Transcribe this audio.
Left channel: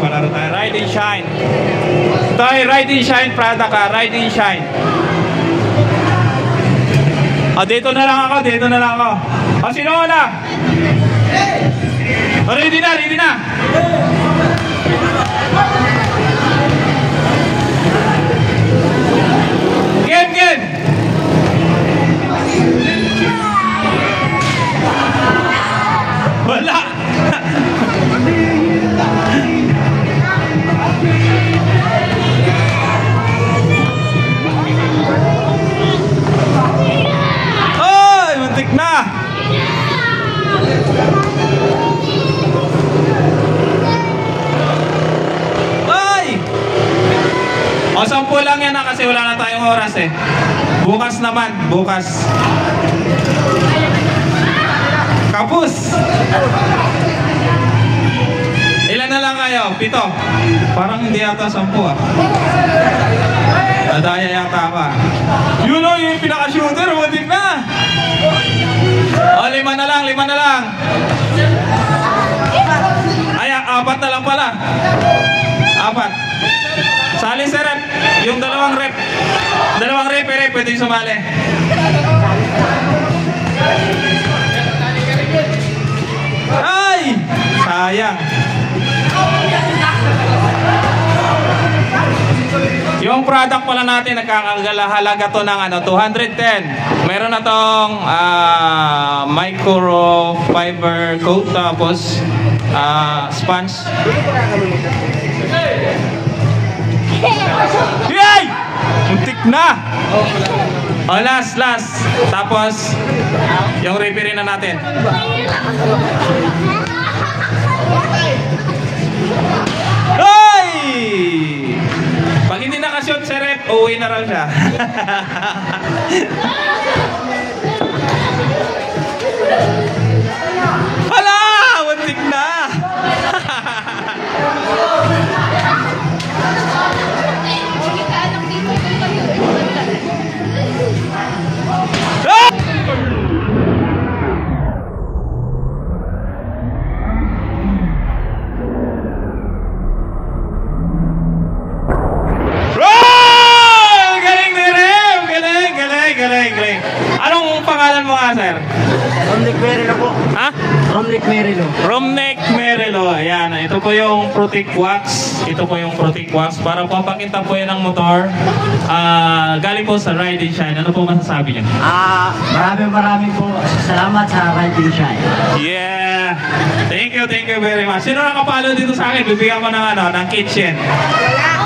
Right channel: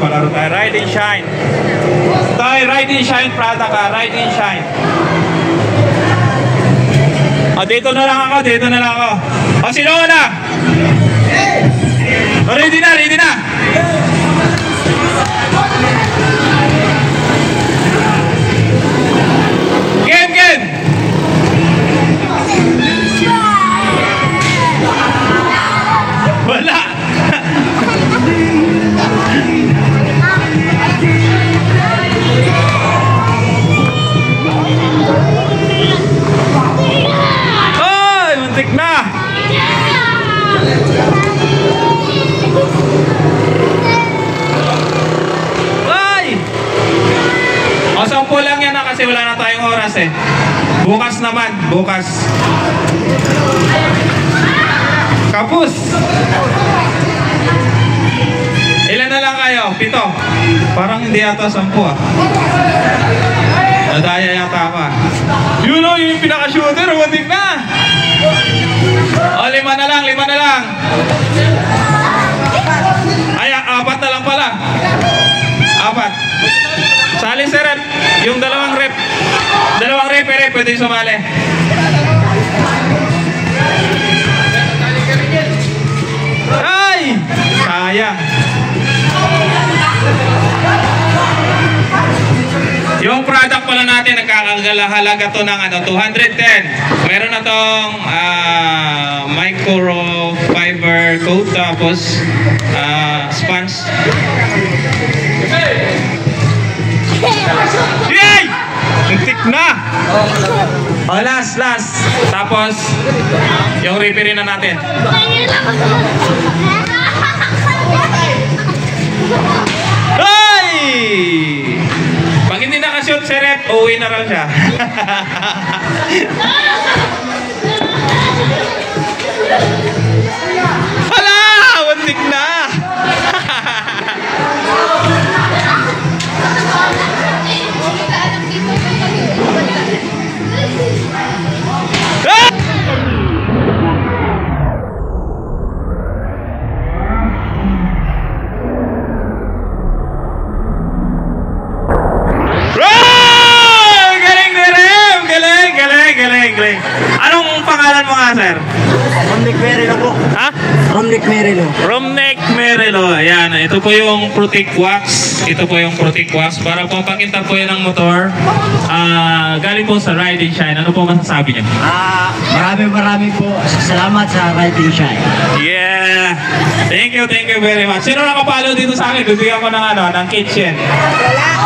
Palaro tayo. Ride and Shine. Tayo, Ride and Shine product ka. Ride and Shine. Dito na lang ako. Dito na lang ako. Sino na? Ready na, ready na. Game, game. Wala. Oy, muntik na. Ay! O, 10 lang yan na kasi wala na tayong oras eh. Bukas naman, bukas. Kapus! Ilan na lang kayo? 7? Parang hindi yata 10 ah. Nadaya yata ako ah. Yun o, yung pinaka-shooter, matik na! O, 5 na lang, 5 na lang. Ay, 4 na lang pala. 4. Sali sa rep. Yung 2 rep. 2 rep, pwede sumali. Ay! Sayang. Yung product pala natin, nagkakahalaga to ng 210. Meron na tong microfiber coat, tapos sponge. Yay! Muntik na! O, last. Tapos, yung referee na natin. Ay! Pag hindi nakashoot si rep, uuwi na raw siya. Hala! Muntik na! Galing. Anong pangalan mo nga, sir? Romneck Merilo po. Ha? Romneck Merilo. Romneck Merilo. Ayan, ito po yung Protect Wax. Ito po yung Protect Wax. Para pampakita po yan ng motor. Galing po sa Ride and Shine. Ano po masasabi niyo? Maraming po salamat sa Ride and Shine. Yeah. Thank you very much. Sino nakapalo dito sa akin? Bibigyan ko ng kitchen. Wala.